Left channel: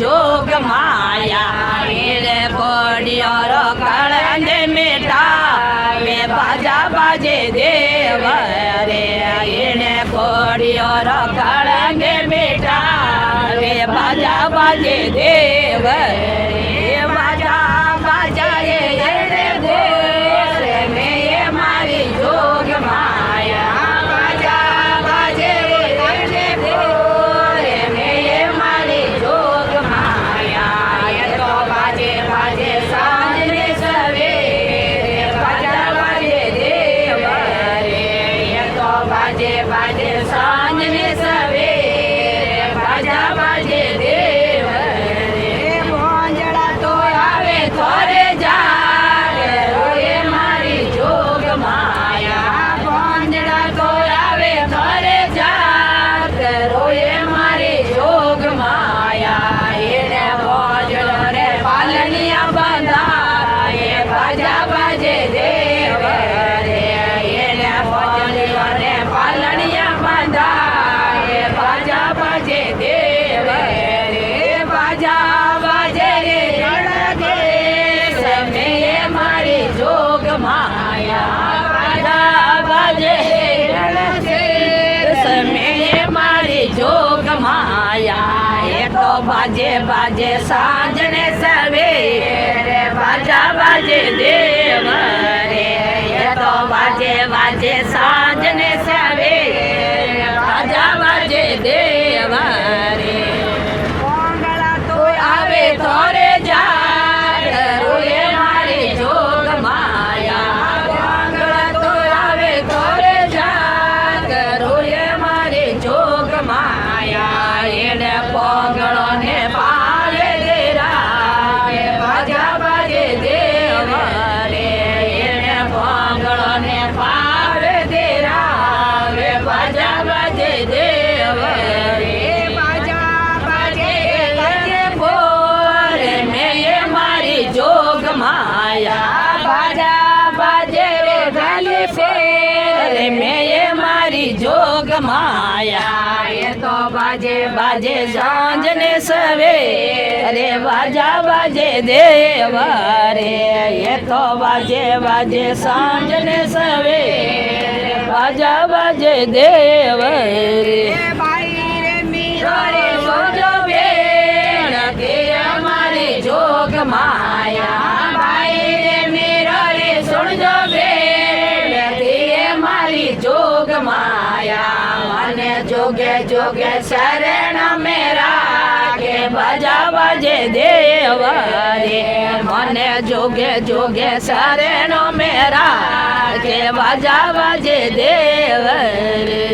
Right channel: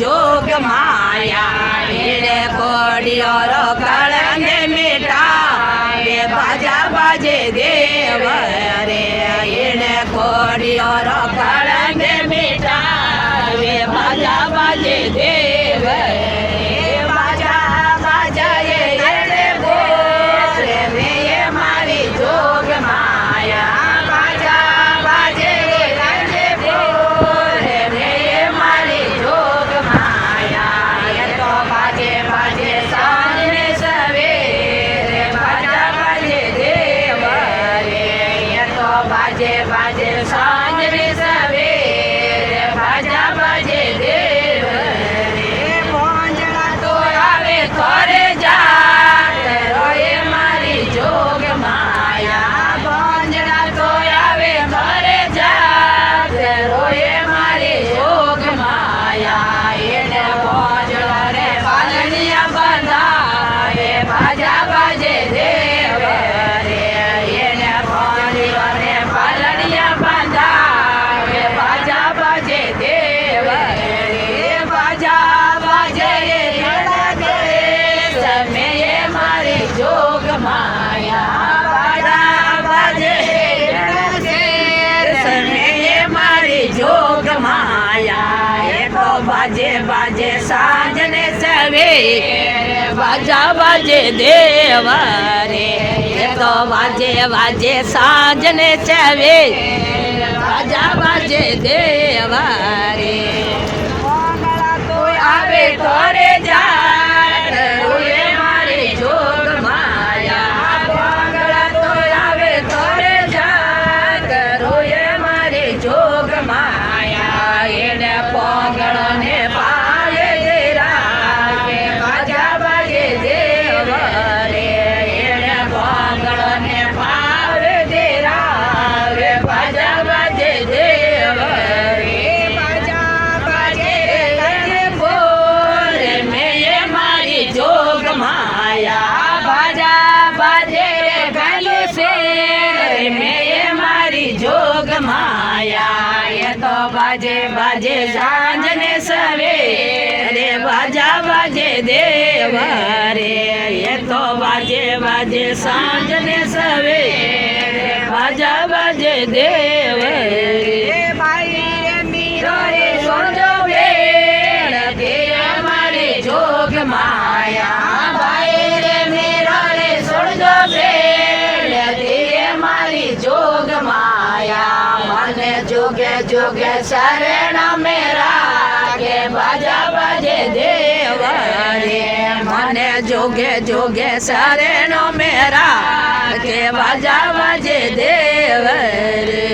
जोग माया मेरे कोडियोर कलंदे मिटा वे बाजा बाजे देव रे एने कोडियोर कलंदे मिटा वे बाजा बाजे देव रे बाजा बाजा ये रे बोल में ये मारी जोग माया बाजा बाजे रे बोल में ये मारी जोग माया ये तो बाजे बाजे सांझे सवेरे बाजा बाजे देव रे ये तो बाजे बाजे सांझे सवेरे बाजा बाजे देव रे मोंजड़ा तो आवे थोड़े जा रोए मारी जोग माया मोंजड़ा तो आवे थोड़े जा रोए मारी जोग माया ये मोंजड़ो ने पालनिया बंधा ये बाजा बाजे देव रे ये मोंजड़ो ने पालनिया बंधा ये बाजा बाजे देव रे बाजा बाजे समय मारी जोग माया बाजा बाजे समय मारी जोग माया एक बाजे बाजे सांझने सवेरे बाजा बाजे देव रे एक बाजे बाजे सांझने सवेरे बाजा बाजे देव रे तो आवे तोरे जा रोए मारी जोग माया वांगड़ा तो आवे तोरे जात रोए मारी जोग माया एने पोंगड़ो ने पाए देरा बाजा बाजे देव रे एने पोंगड़ो ने पाए देरा बाजा बाजे देव रे बाजा बाजे बोल में ये मारी जोग माया बाजा बाजे गाली से रे में ये मारी जोग माया ये तो बाजे बाजे सांझने सवेरे बाजा बाजे देव रे ये तो बाजे बाजे सांझने सवेरे बाजा बाजे देव रे भाई रे मीरो रे सोजो बेण के मारी जोग माया भाई रे मीरो रे सोजो बेण के मारी जोग माया मने जोगे जोगे शरण मेरा के बाजा बाजे देव रे मने जोगे जोगे शरण मेरा के बाजा बाजे देव रे।